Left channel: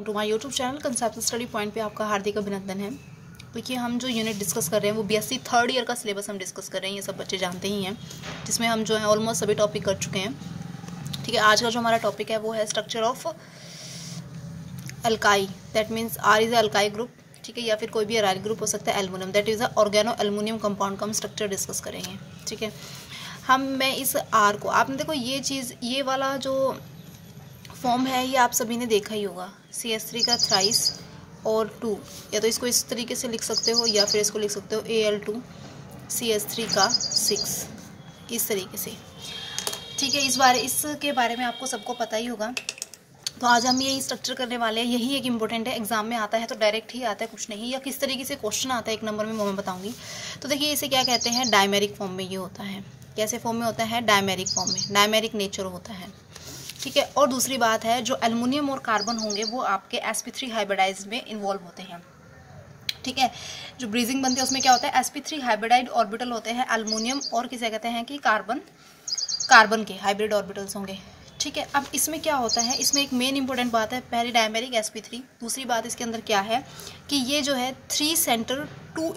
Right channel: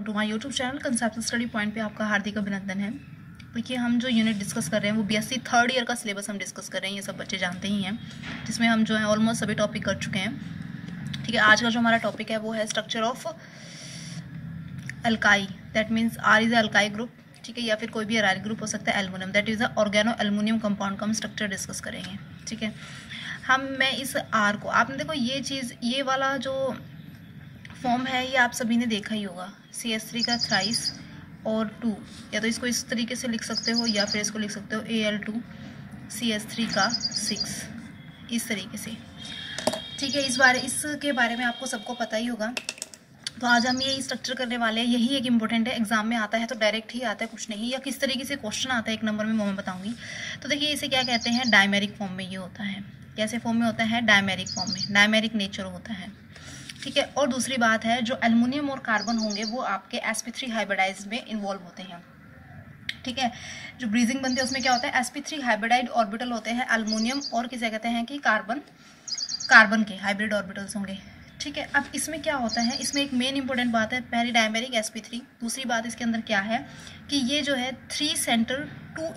To my YouTube channel concept study point पे आपका हार्दिक अभिनंदन है। देखिए, हम जो यूनिट डिस्कस कर रहे हैं वो बीएससी थर्ड ईयर का सिलेबस हम डिस्कस कर रहे हैं, ये सब बच्चे जानते ही हैं, जिसमें हम जो है ऑलमोस्ट सभी टॉपिक कर चुके हैं। ठीक है, आज का जो हमारा टॉपिक है वो है structure of algae, that means are is algae group. ठीक है, या फिर कोई भी एराइल ग्रुप हो सकता है, aluminium that is a organo aluminium compound का हम स्ट्रक्चर डिस्कस करेंगे। ठीक है, मैं इस आर को, आपने देखो ये चीज़, ये वाला जो फॉर्म है ये आप सभी ने देखा ही होगा, CH3 का थ्राइस और 2, या तो इसको इस तरीके से लिख सकते हो या फिर इसको लिख सकते हो Al2 CH3 का 6, इस तरीके से। ठीक है, इसके बारे में आपको सबको पता ही होगा। तो आज हम यही स्ट्रक्चर करने वाले हैं, यही एक इम्पोर्टेंट है, एग्जाम में आता है तो डायरेक्ट ही आता है, कुछ नहीं, या किस तरीके से क्वेश्चन आता है 1 नंबर में वो मैं बताऊंगी। तो देखिए, इसे क्या कहते हैं, डायमेरिक फॉर्म में ये होता है। कैसे फॉर्म में होता है? डायमेरिक फॉर्म में, डायमेरिक नेचर होता है। ठीक है, और दूसरी बात है, जो एल्युमिनियम और कार्बन होंगे वो आपके sp3 हाइब्रिडाइज में इन्वॉल्व होते हैं। ठीक है, जो ब्रीजिंग बनते हैं उसमें क्या होता है, sp3 हाइब्रिडाइड ऑर्बिटल होते हैं एल्युमिनियम और किसे कहते हैं कि कार्बन के हाइब्रिड ऑर्बिटल्स होंगे। ठीक है, अब इसमें क्या होता है, इसमें एक मेन इंपॉर्टेंट बात है, पहली डायमेरिक sp3, दूसरी बात इसके अंदर क्या है कि ये जो है 3 सेंटर 2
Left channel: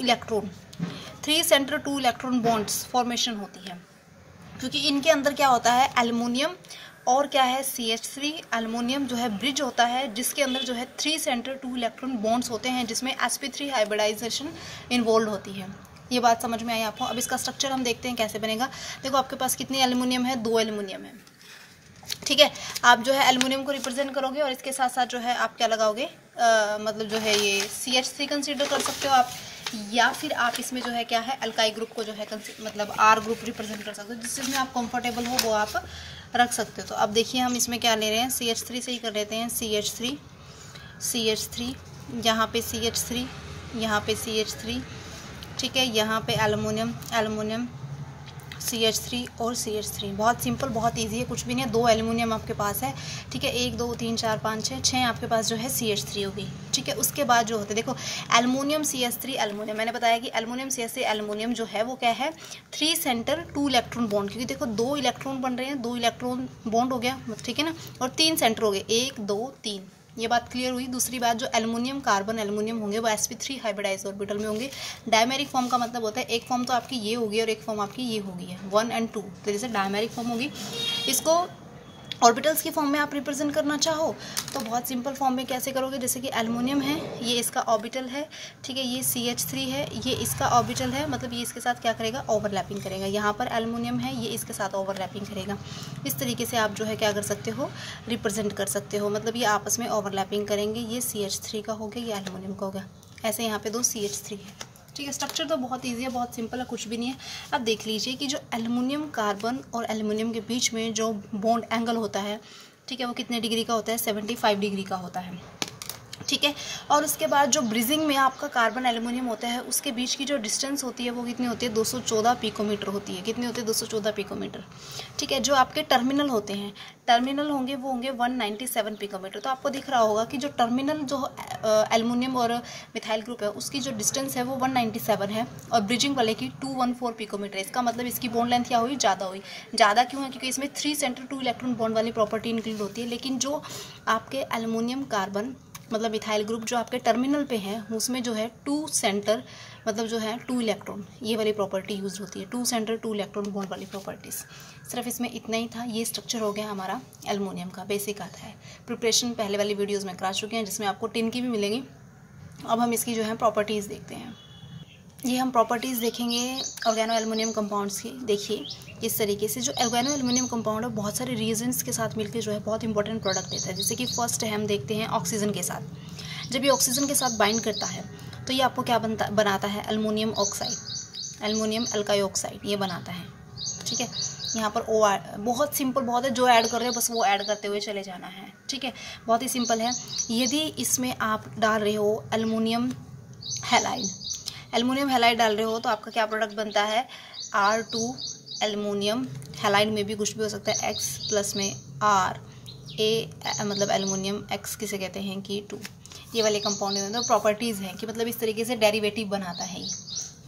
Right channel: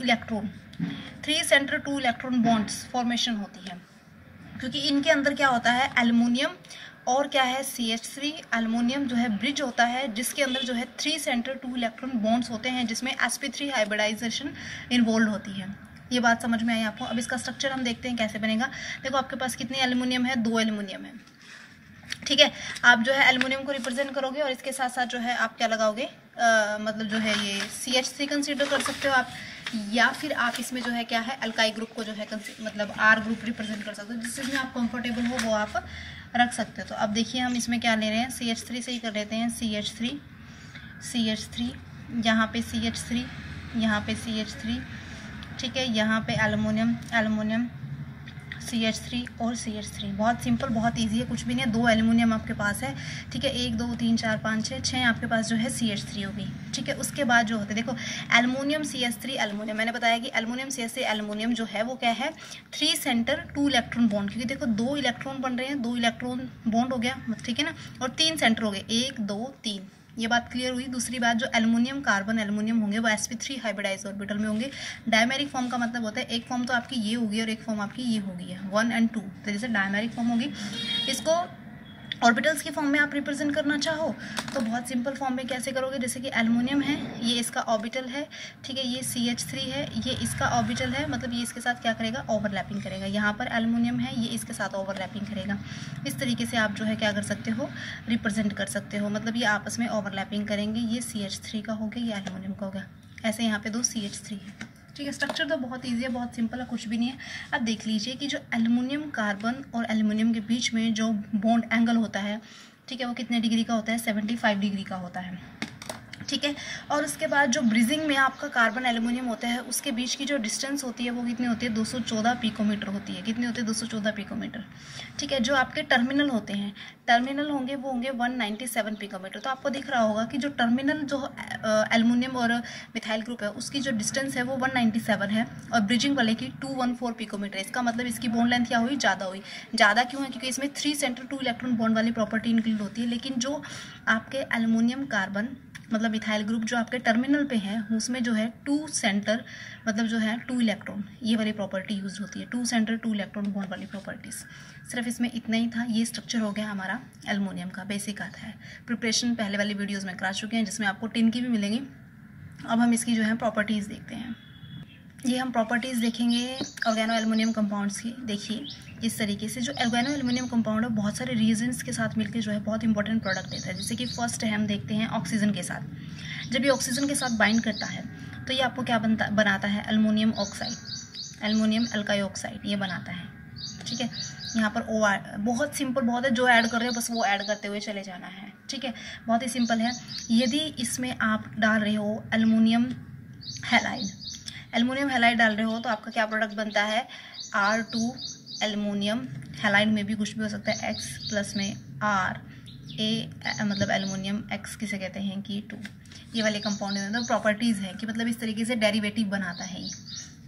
इलेक्ट्रॉन बॉन्ड्स फॉर्मेशन होती है, क्योंकि इनके अंदर क्या होता है, एल्युमिनियम और क्या है CH3, एल्युमिनियम जो है ब्रिज होता है जिसके अंदर जो है 3 सेंटर 2 इलेक्ट्रॉन बॉन्ड्स होते हैं, जिसमें sp3 हाइब्रिडाइजेशन इन्वॉल्व होती है। ये बात समझ में आई आपको? अब इसका स्ट्रक्चर हम देखते हैं कैसे बनेगा। देखो, आपके पास कितनी एल्युमिनियम है, 2 एल्युमिनियम है। ठीक है, आप जो है एल्युमिनियम को रिप्रेजेंट करोगे और इसके साथ साथ जो है आप क्या लगाओगे, मतलब जो है ये CH3 कंसीडर कर सकते हो आप, या फिर आप इसमें जो है क्या है, अल्काई ग्रुप को जो है मतलब R ग्रुप रिप्रेजेंट कर सकते हो, जिसमें आप कंफर्टेबल हो वो आप रख सकते हो। तो अब देखिए, हम इसमें क्या ले रहे हैं, CH3 से ही कर लेते हैं, CH3, यहाँ पे CH3, यहाँ पे CH3, ठीक है, यहाँ पे एल्युमिनियम CH3 और CH3। बहुत सिंपल, बहुत इजी है, कुछ भी नहीं है। 2 एल्युमिनियम आपके पास है। ठीक है, 1 2 3 4 5 6 आपके पास जो है CH3 होगी। ठीक है, उसके बाद जो होते हैं, देखो, एल्युमिनियम CH3 एल्युमिनियम, मैंने बताया कि एल्युमिनियम CH3 एल्युमिनियम जो है वो क्या है, 3 सेंटर 2 इलेक्ट्रॉन बॉन्ड, क्योंकि देखो 2 इलेक्ट्रॉन बन रहे हैं, 2 इलेक्ट्रॉन बॉन्ड हो गया, ठीक है ना, और 3 सेंटर हो गए, 1 2 3। ये बात क्लियर हुई। दूसरी बात, जो एल्युमिनियम कार्बन एल्युमिनियम होंगे वो sp3 हाइब्रिडाइज ऑर्बिटल में होंगे। डायमेरिक फॉर्म का मतलब होता है, एक फॉर्म तो आपकी ये होगी और एक फॉर्म आपकी ये होगी है, 1 और 2, तो जैसे डायमेरिक फॉर्म होगी। इसको ऑर्बिटल्स की फॉर्म में आप रिप्रेजेंट करना चाहो तो बहुत सिंपल फॉर्म में कैसे करोगे, जैसे कि एल्युमिनियम है, ये इसका ऑर्बिटल है, ठीक है, ये CH3 है, ये इसका ऑर्बिटल है, मतलब ये इसके साथ क्या करेगा, ओवरलैपिंग करेगा। यहाँ पर एल्युमिनियम है, ये इसके साथ ओवरलैपिंग करेगा। इस तरीके से आप जो है क्या कर सकते हो, रिप्रेजेंट कर सकते हो, मतलब ये आपस में ओवरलैपिंग करेंगे। ये CH3 का हो गया, ये एल्युमिनियम का हो गया, ऐसे यहाँ पे 2 CH3 है। ठीक है, स्ट्रक्चर तो बहुत इजी है, बहुत सिंपल है, कुछ भी नहीं है। अब देख लीजिए कि जो एल्युमिनियम कार्बन और एल्युमिनियम के बीच में जो बॉन्ड एंगल होता है, ठीक है, वो कितने डिग्री का होता है, 75 डिग्री का होता है। ठीक है, और उसके बाद जो ब्रिजिंग में आपका कार्बन एल्युमिनियम होता है उसके बीच की जो डिस्टेंस होती है वो कितनी होती है, 214 पिकोमीटर होती है। कितनी होती है, 214 पिकोमीटर। ठीक है, जो आपके टर्मिनल होते हैं, टर्मिनल होंगे वो होंगे 197 पिकोमीटर। तो आपको दिख रहा होगा कि जो टर्मिनल जो एल्युमिनियम और मिथाइल ग्रुप है उसकी जो डिस्टेंस है वो 197 है, और ब्रिजिंग वाले की 214 पिकोमीटर। इसका मतलब इसकी बॉन्ड लेंथ क्या हुई, ज़्यादा हुई। ज़्यादा क्यों है, क्योंकि इसमें 3 सेंटर 2 इलेक्ट्रॉन बॉन्ड वाली प्रॉपर्टी इंक्लूड होती है। लेकिन जो आपके एल्युमिनियम कार्बन मतलब मिथाइल ग्रुप जो आपके टर्मिनल पे है उसमें जो है 2 सेंटर मतलब जो है 2 इलेक्ट्रॉन, ये वाली प्रॉपर्टी यूज होती है, 2 सेंटर 2 इलेक्ट्रॉन बॉन्ड वाली प्रॉपर्टीज। सिर्फ इसमें इतना ही था। ये स्ट्रक्चर हो गया हमारा एल्युमिनियम का, बेसिक आता है। प्रिपरेशन पहले वाली वीडियोज़ में करा चुके हैं, जिसमें आपको टिन की भी मिलेंगी। अब हम इसकी जो है प्रॉपर्टीज़ देखते हैं। ये हम प्रॉपर्टीज़ देखेंगे ऑर्गेनो एल्युमिनियम कंपाउंड्स की। देखिए, इस तरीके से जो ऑर्गेनो एल्युमिनियम कंपाउंड है बहुत सारे रिएजेंट्स के साथ मिलकर जो है बहुत इंपॉर्टेंट प्रोडक्ट देता है। जैसे कि फर्स्ट है, हम देखते हैं ऑक्सीजन के साथ। जब ये ऑक्सीजन के साथ बाइंड करता है तो ये आपको क्या बनाता है, aluminium oxide, aluminium algae oxide ये बनाता है। ठीक है, यहाँ पर O बहुत सिंपल, बहुत है, जो ऐड कर रहे हो बस वो ऐड करते हुए चले जाना है। ठीक है, बहुत ही सिंपल है। यदि इसमें आप डाल रहे हो एल्युमिनियम हैलाइड डाल रहे हो तो आपका क्या प्रोडक्ट बनता है, R2 एल्युमिनियम हैलाइड में भी कुछ भी हो सकता है, X प्लस में R A मतलब एल्युमिनियम X किसे कहते हैं कि 2। ये वाले कंपाउंड में मतलब प्रॉपर्टीज़ हैं कि मतलब इस तरीके से डेरिवेटिव बनाता है ये।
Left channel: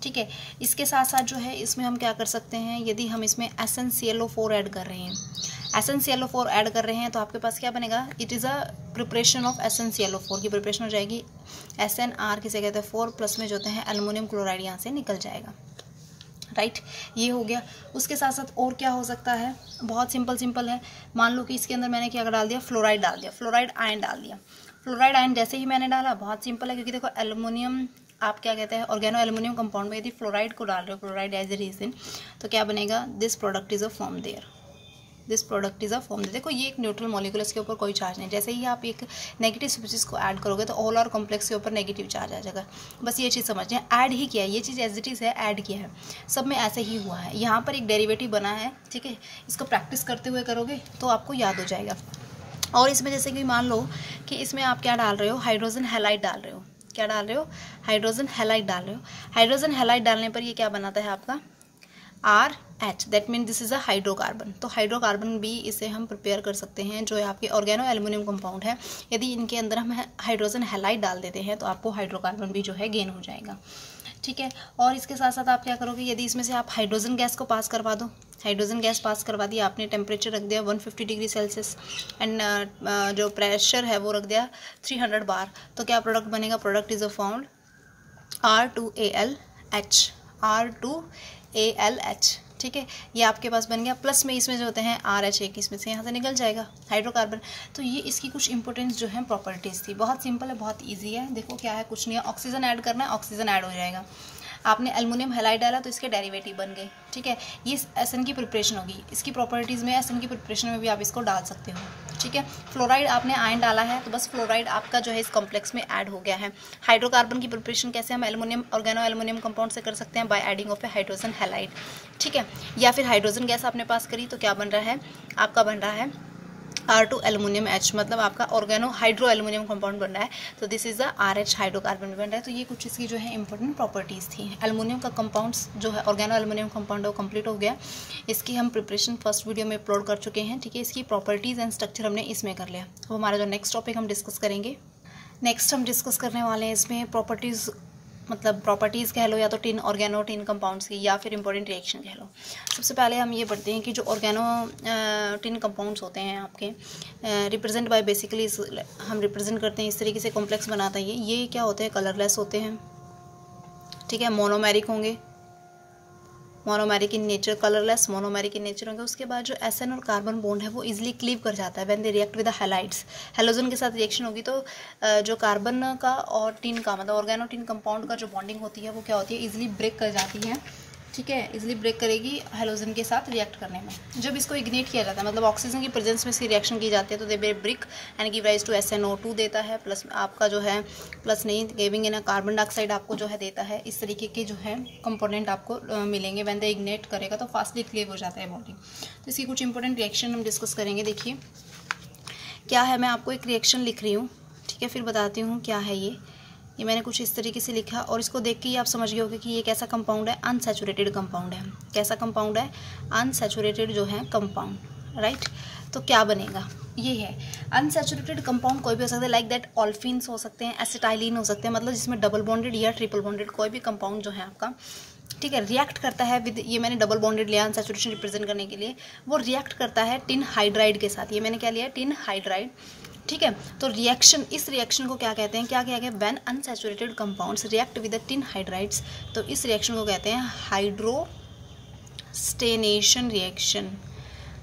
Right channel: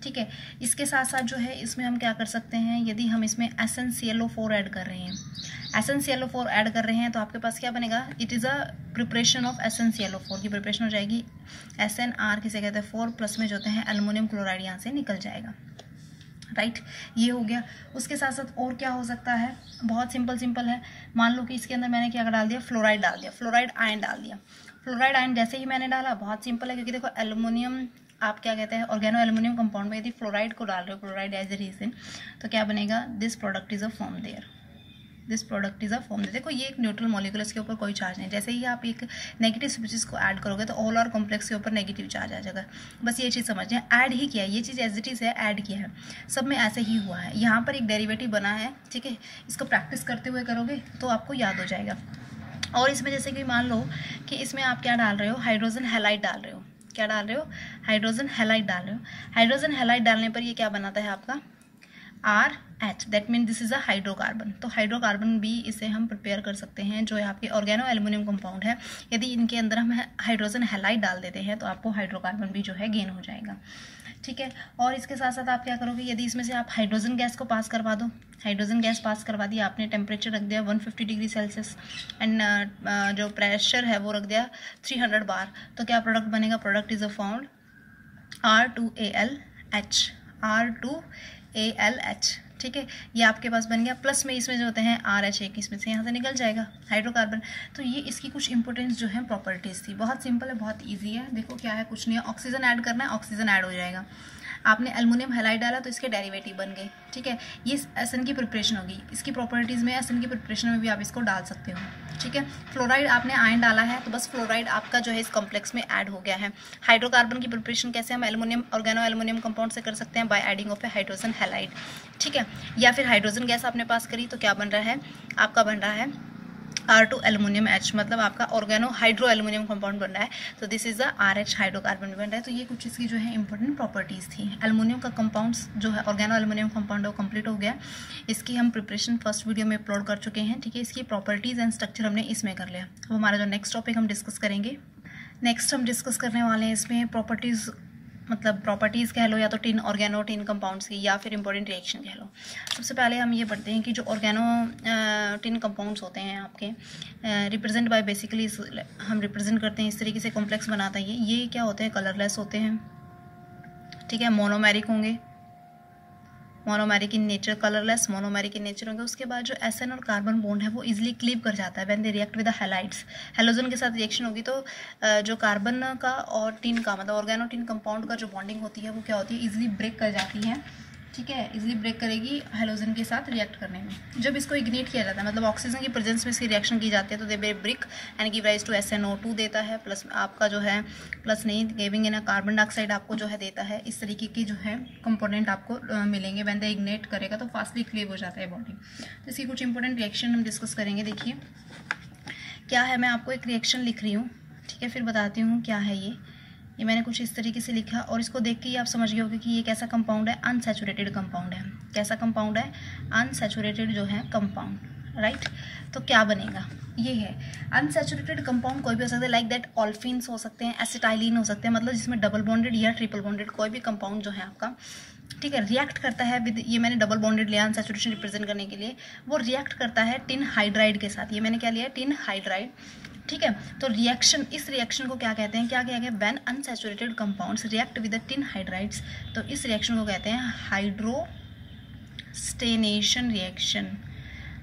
ठीक है, इसके साथ साथ जो है इसमें हम क्या कर सकते हैं, यदि हम इसमें SnClO4 ऐड कर रहे हैं, SnClO4 ऐड कर रहे हैं तो आपके पास क्या बनेगा, it is a preparation of SnClO4 की प्रिपरेशन हो जाएगी। SnR किसे कहते हैं 4 प्लस में जो होते हैं एल्युमिनियम क्लोराइड यहाँ से निकल जाएगा, राइट। ये हो गया। उसके साथ साथ और क्या हो सकता है, बहुत सिंपल है। मान लो कि इसके अंदर मैंने क्या डाल दिया, फ्लोराइड डाल दिया, फ्लोराइड आयन डाल दिया। फ्लोराइड आयन जैसे ही मैंने डाला, बहुत सिंपल है, क्योंकि देखो एल्युमिनियम आप क्या कहते हैं ऑर्गेनो एल्युमिनियम कंपाउंड में यदि फ्लोराइड को डाल रहे हो, फ्लोराइड एज ए रीजन, तो क्या बनेगा, this product is a form there, this product is a form there. देखो ये एक न्यूट्रल मॉलिक्यूल, इसके ऊपर कोई चार्ज नहीं। जैसे ही आप एक नेगेटिव स्पीशीज को ऐड करोगे तो ऑल आर कॉम्प्लेक्स के ऊपर नेगेटिव चार्ज आ जाएगा। बस ये चीज़ समझना है, ऐड ही किया है, ये चीज़ एज इट इज़ है, ऐड किया है, सब में ऐसे ही हुआ है। यहाँ पर एक डेरिवेटिव बना है, ठीक है, इसको प्रैक्टिस करते हुए करोगे तो आपको याद हो जाएगा। और इसमें जैसे कि मान लो कि इसमें आप क्या डाल रहे हो, हाइड्रोजन हैलाइड डाल रहे हो, क्या डाल रहे हो, हाइड्रोजन हैलाइड डाल रहे हो। हाइड्रोजन हैलाइड डालने पर ये क्या बनाता है आपका, RH, that mean this is a hydrocarbon. तो हाइड्रोकार्बन भी इसे हम प्रिपेयर कर सकते हैं, जो आपके ऑर्गेनो एल्युमिनियम कंपाउंड है। यदि इनके अंदर हम हाइड्रोजन हैलाइड डाल देते हैं तो आपको हाइड्रोकार्बन भी जो है गेन हो जाएगा, ठीक है। और इसके साथ साथ आप क्या करोगे, यदि इसमें से आप हाइड्रोजन गैस को पास करवा दो, हाइड्रोजन गैस पास करवा दिया आपने, टेम्परेचर रख दिया 150 डिग्री सेल्सियस एंड जो प्रेशर है वो रख दिया 300 बार, तो क्या प्रोडक्ट बनेगा, product is a found R2ALH, R2ALH, ठीक है। ये आपके पास बन गया। प्लस में इसमें जो होते हैं RH, एक इसमें से यहाँ से निकल जाएगा हाइड्रोकार्बन। तो ये इसकी कुछ इंपॉर्टेंस जो है प्रॉपर्टीज़ थी। बहुत सिंपल है, बहुत इजी है। देखो क्या है, कुछ नहीं है, ऑक्सीजन ऐड करना है, ऑक्सीजन ऐड हो जाएगा। आपने एल्युमिनियम हैलाइड डाला तो इसके डेरिवेटिव बन गए, ठीक है। ये SN की प्रिपरेशन होगी, इसकी प्रॉपर्टीज़ में SN की प्रिपरेशन में भी आप इसको डाल सकते हो, ठीक है। फ्लोराइड आपने आयन डाला है तो बस फ्लोराइड आपका जो है इस कॉम्प्लेक्स में ऐड हो गया है। हाइड्रोकार्बन की प्रिपरेशन कैसे हम एल्युमिनियम ऑर्गेनो एल्युमिनियम कंपाउंड से कर सकते हैं, by adding of A hydrogen halide, ठीक है। या फिर हाइड्रोजन गैस आपने पास करी तो क्या बन रहा है, आपका बन रहा है R2 एल्युमिनियम H, मतलब आपका ऑर्गेनो हाइड्रो एल्युमिनियम कंपाउंड बन रहा है। तो this is the RH hydrocarbon बन रहा है। तो ये कुछ इसकी जो है इंपॉर्टेंट प्रॉपर्टीज़ थी। एल्युमिनियम का कंपाउंड्स जो है ऑर्गेनो एल्युमिनियम कंपाउंड है वो कंप्लीट हो गया। इसकी हम प्रिपरेशन फर्स्ट वीडियो में अपलोड कर चुके हैं, ठीक है। इसकी प्रॉपर्टीज़ एंड स्ट्रक्चर हमने इसमें कर लिया। अब हमारा जो नेक्स्ट टॉपिक हम डिस्कस करेंगे, नेक्स्ट हम डिस्कस करने वाले हैं इसमें प्रॉपर्टीज़, मतलब प्रॉपर्टीज़ कह लो या तो टिन ऑर्गेनो टिन कंपाउंड्स की, या फिर इंपॉर्टेंट रिएक्शन कह लो। सबसे पहले हम ये पढ़ते हैं कि जो ऑर्गेनो टिन कंपाउंड्स होते हैं आपके, रिप्रेजेंट बाय बेसिकली हम रिप्रेजेंट करते हैं इस तरीके से, कॉम्प्लेक्स बनाता है ये क्या होते हैं, कलरलेस होते हैं, ठीक है। मोनोमेरिक होंगे, monomeric in nature, colourless monomeric in nature होंगे। उसके बाद जो SN और कार्बन बॉन्ड है वो इजीली क्लीव कर जाता है when they react with the halides. Halogen के साथ रिएक्शन होगी तो जो कार्बन का और टिन का, मतलब ऑर्गेनो टिन कंपाउंड का जो बॉन्डिंग होती है वो क्या होती है, इजीली ब्रेक कर जाती है, ठीक है। इजीली ब्रेक करेगी हैलोजन के साथ रिएक्ट करने में। जब इसको इग्नेट किया जाता है, मतलब ऑक्सीजन की प्रेजेंस में इसकी रिएक्शन की जाती है, तो they break and give rise to SnO2 देता है, प्लस आपका जो है, प्लस नहीं गिविंग इन कार्बन डाइऑक्साइड आपको जो है देता है। इस तरीके के जो है कंपोनेंट आपको मिलेंगे। व्हेन दे इग्नेट करेगा तो फास्टली क्लीव हो जाता है बॉन्डिंग। तो इसकी कुछ इंपॉर्टेंट रिएक्शन हम डिस्कस करेंगे। देखिए क्या है, मैं आपको एक रिएक्शन लिख रही हूँ, ठीक है, फिर बताती हूँ क्या है ये मैंने कुछ इस तरीके से लिखा, और इसको देख के ही आप समझ गए होगे कि ये कैसा कंपाउंड है, अनसैचुरेटेड कंपाउंड है। कैसा कंपाउंड है, अनसैचुरेटेड जो है कंपाउंड, राइट। तो क्या बनेगा, ये है अनसैचुरेटेड कंपाउंड। कोई भी हो सकता है, लाइक दैट ऑल्फिन्स हो सकते हैं, एसिटाइलिन हो सकते हैं, मतलब जिसमें डबल बॉन्डेड या ट्रिपल बॉन्डेड कोई भी कंपाउंड जो है आपका, ठीक है, रिएक्ट करता है विद, ये मैंने डबल बॉन्डेड लिया अनसैचुरेशन रिप्रेजेंट करने के लिए, वो रिएक्ट करता है टिन हाइड्राइड के साथ। ये मैंने क्या लिया, टिन हाइड्राइड, ठीक है। तो रिएक्शन, इस रिएक्शन को क्या कहते हैं, क्या कहते हैं, when unsaturated compounds react with the tin hydrides, तो इस रिएक्शन को कहते हैं हाइड्रोस्टेनेशन रिएक्शन।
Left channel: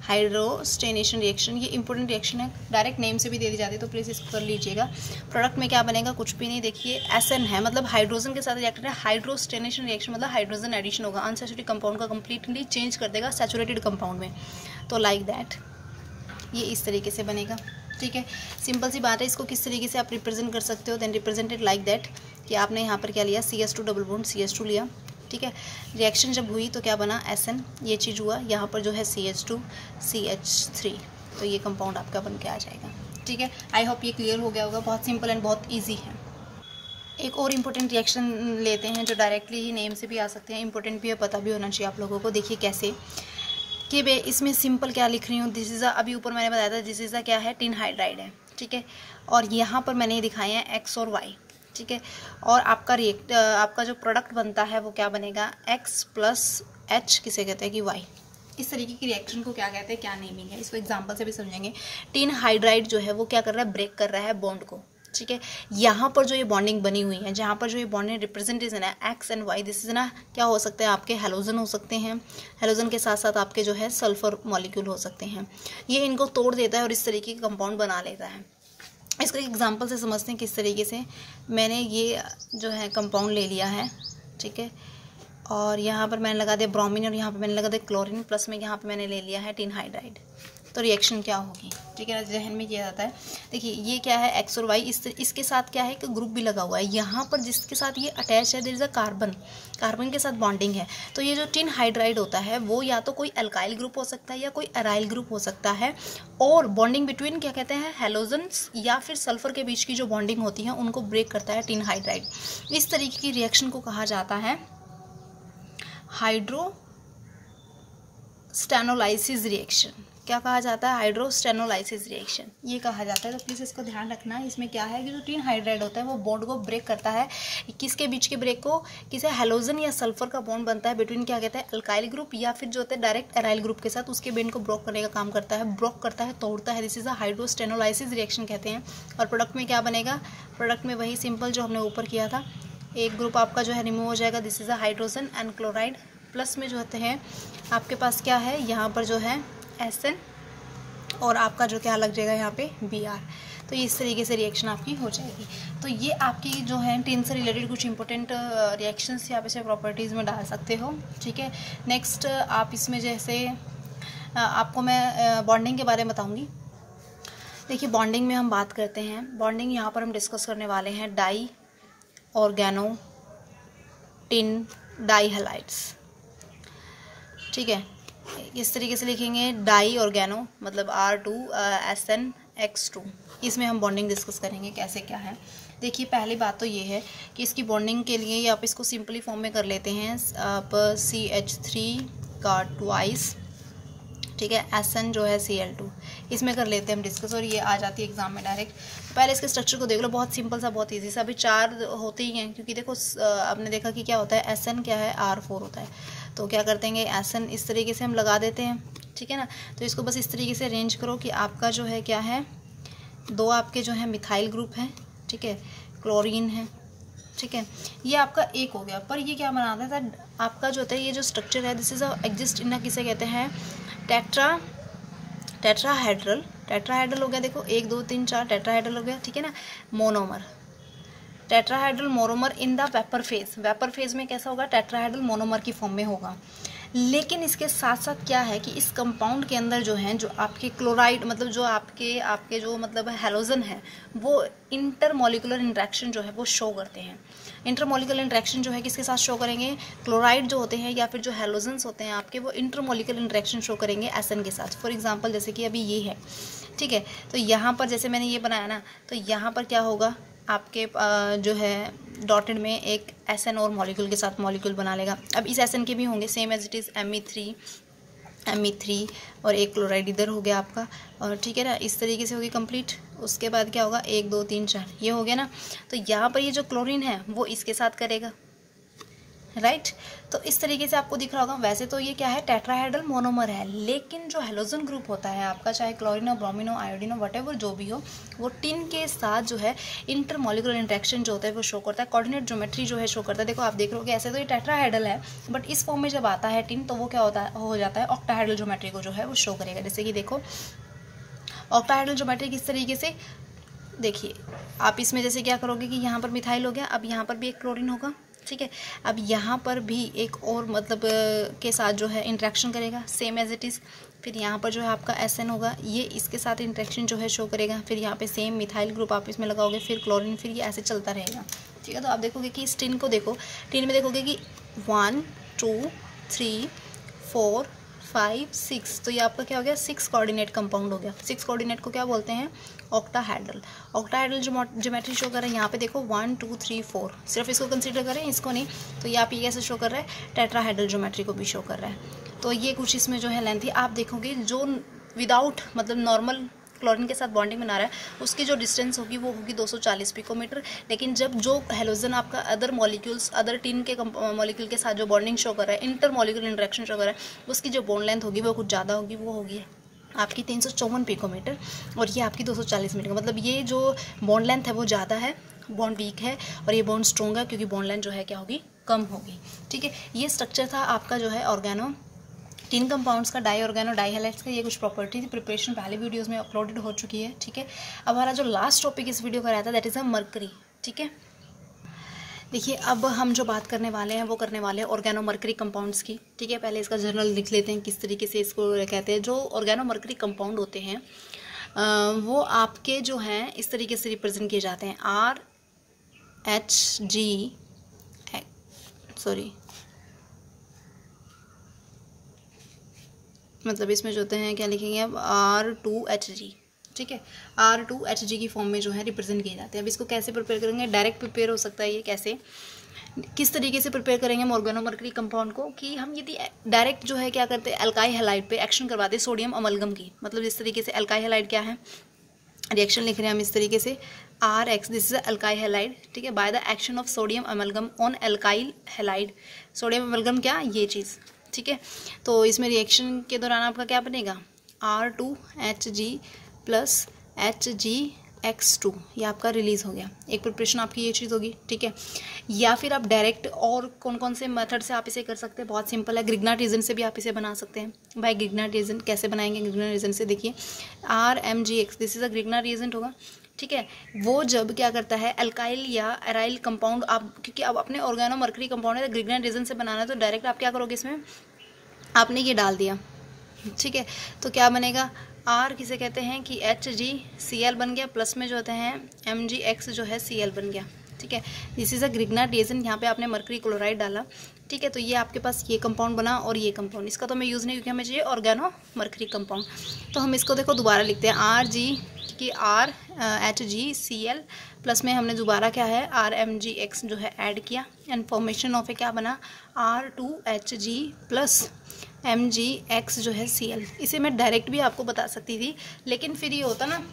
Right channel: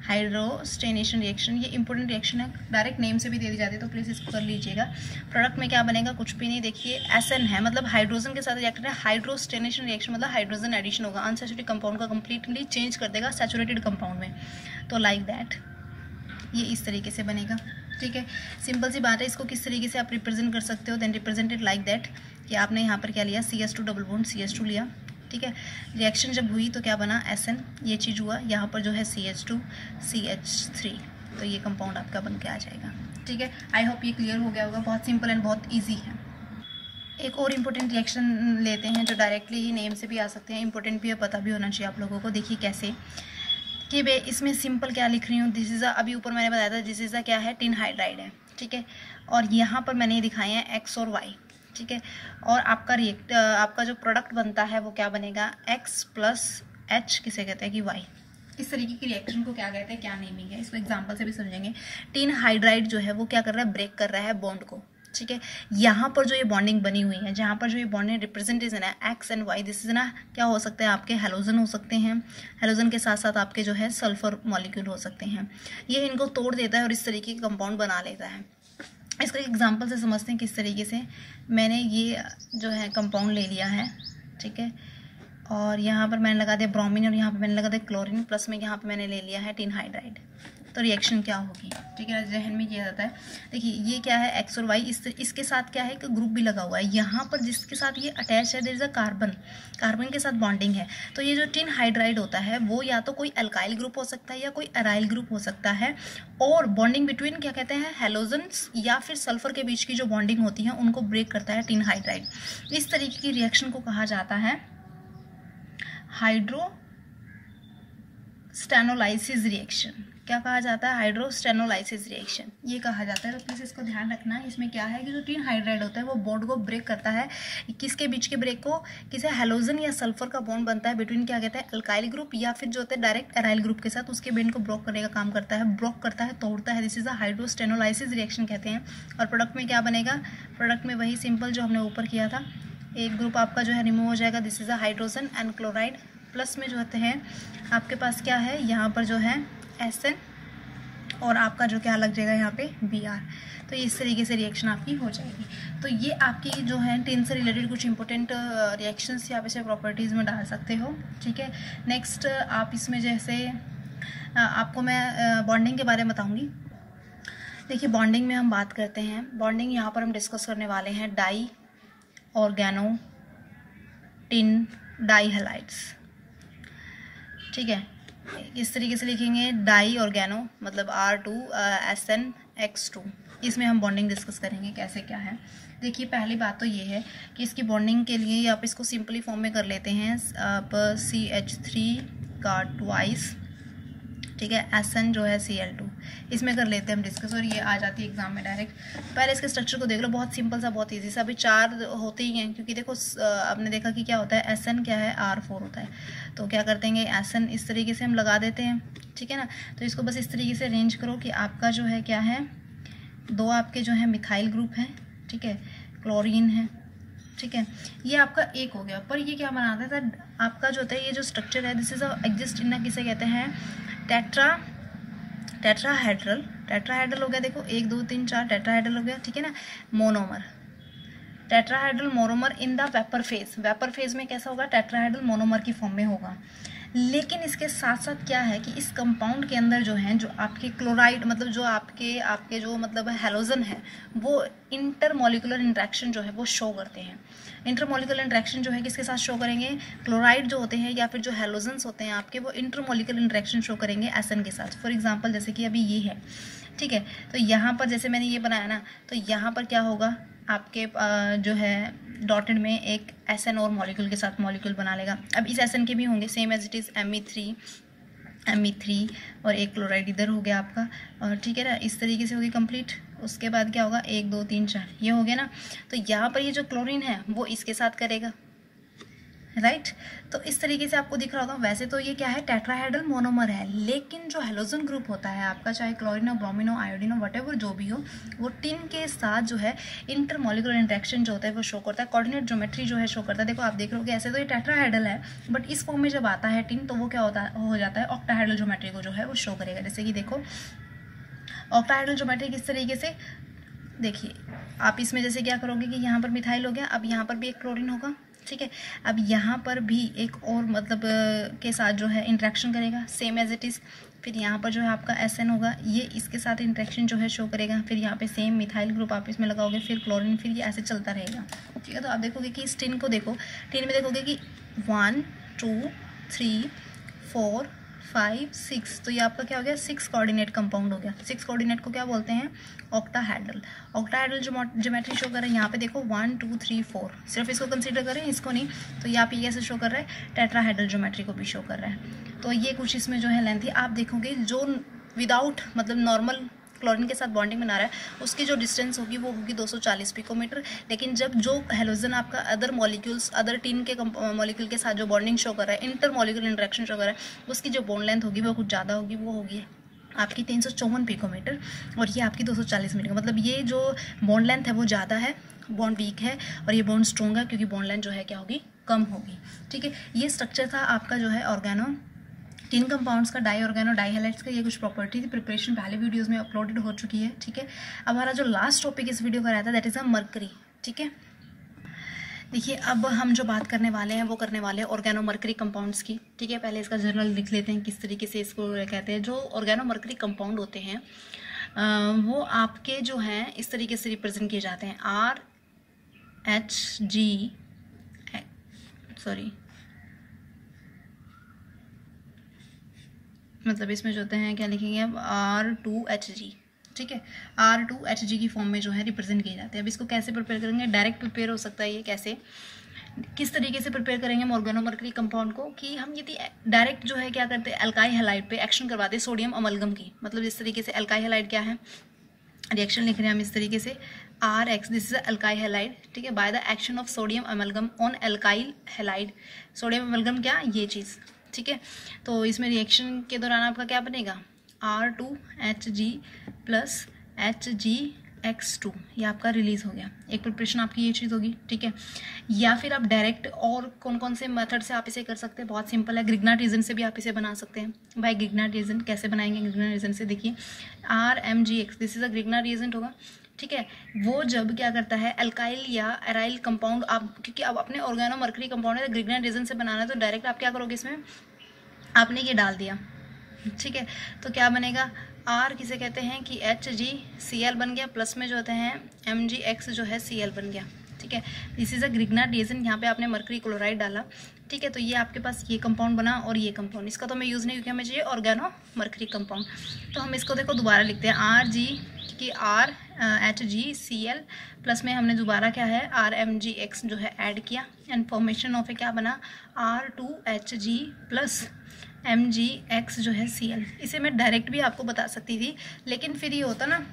हाइड्रोस्टेनेशन रिएक्शन ये इंपॉर्टेंट रिएक्शन है, डायरेक्ट नेम से भी दे दी जाती है, तो प्लीज़ इसको कर लीजिएगा। प्रोडक्ट में क्या बनेगा, कुछ भी नहीं, देखिए SN है, मतलब हाइड्रोजन के साथ रिएक्ट है। हाइड्रोस्टेनेशन रिएक्शन मतलब हाइड्रोजन एडिशन होगा, अनसैचुरेटेड कंपाउंड का कंप्लीटली चेंज कर देगा सैचुरेटेड कंपाउंड में। तो लाइक दैट ये इस तरीके से बनेगा, ठीक है। सिंपल सी बात है। इसको किस तरीके से आप रिप्रेजेंट कर सकते हो, देन रिप्रेजेंटेड लाइक दैट कि आपने यहाँ पर क्या लिया, CS2 डबल बॉन्ड CS2 लिया, ठीक है। रिएक्शन जब हुई तो क्या बना, SN, ये चीज़ हुआ, यहाँ पर जो है CH2 CH3, तो ये कंपाउंड आपका बन के आ जाएगा, ठीक है। आई होप ये क्लियर हो गया होगा, बहुत सिंपल एंड बहुत ईजी है। एक और इम्पोर्टेंट रिएक्शन लेते हैं जो डायरेक्टली ही नेम से भी आ सकते हैं, इंपॉर्टेंट भी है, पता भी होना चाहिए आप लोगों को। देखिए कैसे कि मैं इसमें सिंपल क्या लिख रही हूँ, दिस इज़ अभी ऊपर मैंने बताया था, दिस इज़ क्या है, टिन हाइड्राइड है, ठीक है। और यहाँ पर मैंने दिखाए हैं X और Y, ठीक है। और आपका जो प्रोडक्ट बनता है वो क्या बनेगा, X प्लस H किसे कहते हैं कि Y। इस तरीके की रिएक्शन को क्या कहते हैं, क्या नेमिंग है, इसको एग्जांपल से भी समझेंगे। टिन हाइड्राइड जो है वो क्या कर रहा है, ब्रेक कर रहा है बॉन्ड को, ठीक है। यहाँ पर जो ये बॉन्डिंग बनी हुई है, जहाँ पर जो ये बॉन्डिंग रिप्रेजेंटेशन है X and Y, this is ना क्या हो सकते हैं, आपके हेलोजन हो सकते हैं, हेलोजन के साथ साथ आपके जो है सल्फर मॉलिक्यूल हो सकते हैं। ये इनको तोड़ देता है और इस तरीके का कंपाउंड बना लेता है। इसको एक एग्जांपल से समझते हैं किस तरीके से। मैंने ये जो है कंपाउंड ले लिया है, ठीक है, और यहाँ पर मैंने लगा दिया ब्रोमीन और यहाँ पर मैंने लगा दिया क्लोरीन, प्लस में यहाँ पर मैंने ले लिया है टिन हाइड्राइड। तो रिएक्शन क्या होगी, ठीक है ना, जहन में किया जाता है। देखिए ये क्या है, एक्स और वाई, इसके साथ क्या है कि ग्रुप भी लगा हुआ है। यहाँ पर जिसके साथ ये अटैच है there is a carbon, carbon के साथ बॉन्डिंग है। तो ये जो टिन हाइड्राइड होता है वो या तो कोई अल्काइल ग्रुप हो सकता है या कोई अराइल ग्रुप हो सकता है, और बॉन्डिंग बिटवीन क्या कहते हैं, हेलोजन्स या फिर सल्फर के बीच की जो बॉन्डिंग होती है उनको ब्रेक करता है टिन हाइड्राइड। इस तरीके की रिएक्शन को कहा जाता है हाइड्रोस्टेनोलाइसिस रिएक्शन। क्या कहा जाता है, हाइड्रोस्टेनोलाइसिस रिएक्शन, ये कहा जाता है। तो प्लीज़ इसको ध्यान रखना है। इसमें क्या है कि जो टिन हाइड्राइड होता है वो बॉन्ड को ब्रेक करता है। किसके बीच के ब्रेक को, किसी हेलोजन या सल्फर का बॉन्ड बनता है बिटवीन क्या कहते हैं, अल्काइल ग्रुप या फिर जो होता है डायरेक्ट अराइल ग्रुप के साथ, उसके बॉन्ड को ब्रेक करने का काम करता है, ब्रेक करता है, तोड़ता है। दिस इज अ हाइड्रोस्टेनोलाइसिस रिएक्शन कहते हैं। और प्रोडक्ट में क्या बनेगा, प्रोडक्ट में वही सिंपल जो हमने ऊपर किया था, एक ग्रुप आपका जो है रिमूव हो जाएगा, this is a hydrogen and chloride, plus में जो होते हैं आपके पास क्या है, यहाँ पर जो है SN और आपका जो क्या लग जाएगा यहाँ पे Br। तो इस तरीके से रिएक्शन आपकी हो जाएगी। तो ये आपकी जो है टिन से रिलेटेड कुछ इंपॉर्टेंट रिएक्शंस यहाँ पे से प्रॉपर्टीज़ में डाल सकते हो, ठीक है। नेक्स्ट आप इसमें जैसे आपको मैं बॉन्डिंग के बारे में बताऊँगी। देखिए बॉन्डिंग में हम बात करते हैं, बॉन्डिंग यहाँ पर हम डिस्कस करने वाले हैं di organo tin di halides, ठीक है। इस तरीके से लिखेंगे डाई ऑर्गेनो मतलब R2SN(X2)। इसमें हम बॉन्डिंग डिस्कस करेंगे कैसे क्या है। देखिए पहली बात तो ये है कि इसकी बॉन्डिंग के लिए आप इसको सिंपली फॉर्म में कर लेते हैं, आप CH3 का ट्वाइस, ठीक है, SN जो है Cl2, इसमें कर लेते हैं हम डिस्कस, और ये आ जाती है एग्जाम में डायरेक्ट। पहले इसके स्ट्रक्चर को देख लो, बहुत सिंपल सा, बहुत इजी सा। अभी 4 होते ही हैं क्योंकि देखो आपने देखा कि क्या होता है, SN क्या है, R4 होता है। तो क्या करते हैं, SN इस तरीके से हम लगा देते हैं, ठीक है ना। तो इसको बस इस तरीके से अरेंज करो कि आपका जो है क्या है, 2 आपके जो है मिथाइल ग्रुप है, ठीक है, क्लोरीन है, ठीक है, ये आपका एक हो गया। पर ये क्या बनाता था आपका जो होता है, ये जो स्ट्रक्चर है दिस इज एग्जिस्ट इन, किसे कहते हैं, टेट्राहेड्रल हो गया। देखो 1 2 3 4 टेट्राहेड्रल हो गया, ठीक है ना। Monomer, tetrahedral monomer in the vapour phase, vapour phase में कैसा होगा, टेट्राहेड्रल मोनोमर की फॉर्म में होगा। लेकिन इसके साथ साथ क्या है कि इस कंपाउंड के अंदर जो है, जो आपके क्लोराइड मतलब जो आपके जो मतलब हेलोजन है, वो इंटरमोलिकुलर इंट्रैक्शन जो है वो शो करते हैं। इंटरमोलिकुलर इंट्रैक्शन जो है किसके साथ शो करेंगे, क्लोराइड जो होते हैं या फिर जो हेलोजन्स होते हैं आपके, वो इंटरमोलिकुलर इंट्रैक्शन शो करेंगे SN के साथ। फॉर एग्जांपल जैसे कि अभी ये है, ठीक है, तो यहाँ पर जैसे मैंने ये बनाया ना, तो यहाँ पर क्या होगा आपके जो है डॉटेड में एक SN और मॉलिक्यूल के साथ मॉलिक्यूल बना लेगा। अब इस SN के भी होंगे same as it is Me3 और एक क्लोराइड इधर हो गया आपका, और ठीक है ना, इस तरीके से होगी कंप्लीट। उसके बाद क्या होगा, 1 2 3 4 ये हो गया ना। तो यहाँ पर ये जो क्लोरीन है वो इसके साथ करेगा, राइट। तो इस तरीके से आपको दिख रहा होगा। वैसे तो ये क्या है, टेट्राहेड्रल मोनोमर है, लेकिन जो हेलोजन ग्रुप होता है आपका, चाहे क्लोरीन हो, ब्रोमीन हो, आयोडीन हो, व्हाटएवर जो भी हो, वो टिन के साथ जो है इंटरमोलिकुलर इंट्रैक्शन जो होता है वो शो करता है, कोऑर्डिनेट ज्योमेट्री जो है शो करता है। देखो आप देख रहे हो कि ऐसे तो ये टेट्राहेड्रल है, बट इस फॉर्म में जब आता है टिन तो वो क्या हो जाता है, ऑक्टाहेड्रल ज्योमेट्री को जो है वो शो करेगा। जैसे कि देखो ऑक्टाहेड्रल ज्योमेट्री किस तरीके से, देखिए आप इसमें जैसे क्या करोगे कि यहाँ पर मिथाइल हो गया, अब यहाँ पर भी एक क्लोरीन होगा, ठीक है। अब यहाँ पर भी एक और मतलब के साथ जो है इंट्रैक्शन करेगा सेम एज इट इज़। फिर यहाँ पर जो है आपका SN होगा, ये इसके साथ इंट्रैक्शन जो है शो करेगा। फिर यहाँ पे सेम मिथाइल ग्रुप आप इसमें लगाओगे, फिर क्लोरीन, फिर ये ऐसे चलता रहेगा, ठीक है। तो आप देखोगे कि इस टिन को देखो, टिन में देखोगे कि 1 2 3 4 5 6, तो ये आपका क्या हो गया, 6 कोऑर्डिनेट कंपाउंड हो गया। 6 कोऑर्डिनेट को क्या बोलते हैं, ऑक्टाहेड्रल। ऑक्टाहेड्रल ज्योमेट्री शो कर रहा है यहाँ पे देखो 1 2 3 4, सिर्फ इसको कंसीडर करें, इसको नहीं। तो ये आप ये कैसे शो कर रहा है, टेट्राहेड्रल ज्योमेट्री को भी शो कर रहा है। तो ये कुछ इसमें जो है लेंथ है। आप देखोगे जो विदाउट मतलब नॉर्मल क्लोरीन के साथ बॉन्डिंग बना रहा है उसकी जो डिस्टेंस होगी वो होगी 240 पिकोमीटर। लेकिन जब जो हेलोजन आपका अदर मॉलिक्यूल्स अदर टीन के मॉलिक्यूल के साथ जो बॉन्डिंग शो कर रहा है, इंटर मॉलिक्यूल इंटरेक्शन शो कर रहा है, उसकी जो बॉन्ड लेंथ होगी वो कुछ ज़्यादा होगी, वो होगी आपकी 354 पिकोमीटर और ये आपकी 240 मीटर। मतलब ये जो बॉन्ड लेंथ है वो ज़्यादा है, बॉन्ड वीक है, और ये बॉन्ड स्ट्रॉन्ग है क्योंकि बॉन्ड लेंथ जो है क्या होगी, कम होगी। ठीक है, ये स्ट्रक्चर था आपका जो है ऑर्गेनो तीन कंपाउंड्स का, डाई ऑर्गेनो डाई हैलाइड्स का। ये कुछ प्रॉपर्टी थी, प्रिपरेशन पहले वीडियोस में अपलोडेड हो चुकी है। ठीक है, अब हमारा जो लास्ट टॉपिक इस वीडियो का रहता है दैट इज़ अ मरकरी। ठीक है, देखिए अब हम जो बात करने वाले हैं वो करने वाले हैं ऑर्गेनो मरकरी कंपाउंड्स की। ठीक है, पहले इसका जर्नल लिख लेते हैं किस तरीके से इसको कहते हैं। जो ऑर्गेनो मरकरी कंपाउंड होते हैं वो आपके जो हैं इस तरीके से रिप्रेजेंट किए जाते हैं, मतलब इसमें जो होते हैं क्या लिखेंगे अब R2Hg। ठीक है, R2Hg की फॉर्म में जो है रिप्रेजेंट किए जाते हैं। अब इसको कैसे प्रिपेयर करेंगे, डायरेक्ट प्रिपेयर हो सकता है ये, कैसे किस तरीके से प्रिपेयर करेंगे हम ऑर्गेनो मरकरी कंपाउंड को, कि हम यदि डायरेक्ट जो है क्या करते हैं अल्काई हैलाइड पे एक्शन करवाते हैं सोडियम अमलगम की। मतलब इस तरीके से अल्काई हैलाइड क्या है, रिएक्शन लिख रहे हैं हम इस तरीके से RX, this is algae halide. ठीक है, by the action of sodium amalgam on alkyl halide. Sodium amalgam क्या, ये चीज़। ठीक है, तो इसमें रिएक्शन के दौरान आपका क्या बनेगा, R2Hg प्लस HgX2, ये आपका रिलीज हो गया। एक प्रिपरेशन आपकी ये चीज़ होगी। ठीक है, या फिर आप डायरेक्ट और कौन कौन से मेथड से आप इसे कर सकते हैं, बहुत सिंपल है, ग्रिग्नार्ड रीजन से भी आप इसे बना सकते हैं। बाय ग्रिग्नार्ड रीजन कैसे बनाएंगे, ग्रिग्नार्ड रीजन से देखिए RMgX, this is a Grignard reason होगा। ठीक है, वो जब क्या करता है अल्काइल या एराइल कंपाउंड, आप क्योंकि अब अपने ऑर्गेनो मरकरी कंपाउंड है तो ग्रिग्नार्ड रीजन से बनाना है, तो डायरेक्ट आप क्या करोगे, इसमें आपने ये डाल दिया। ठीक है, तो क्या बनेगा, R किसे कहते हैं कि HgCl बन गया, प्लस में जो होते हैं MgX जो है Cl बन गया। ठीक है, this is a Grignard reason, यहाँ पे आपने मरकरी क्लोराइड डाला। ठीक है, तो ये आपके पास ये कंपाउंड बना और ये कंपाउंड, इसका तो मैं यूज़ नहीं क्योंकि हमें चाहिए ऑर्गेनो मरकरी कंपाउंड। तो हम इसको देखो दोबारा लिखते हैं, RG की HgCl प्लस में हमने दोबारा क्या है RMgX जो है ऐड किया, एंड फॉर्मेशन ऑफ क्या बना R2Hg प्लस MgX जो है Cl। इसे मैं डायरेक्ट भी आपको बता सकती थी, लेकिन फिर ये होता ना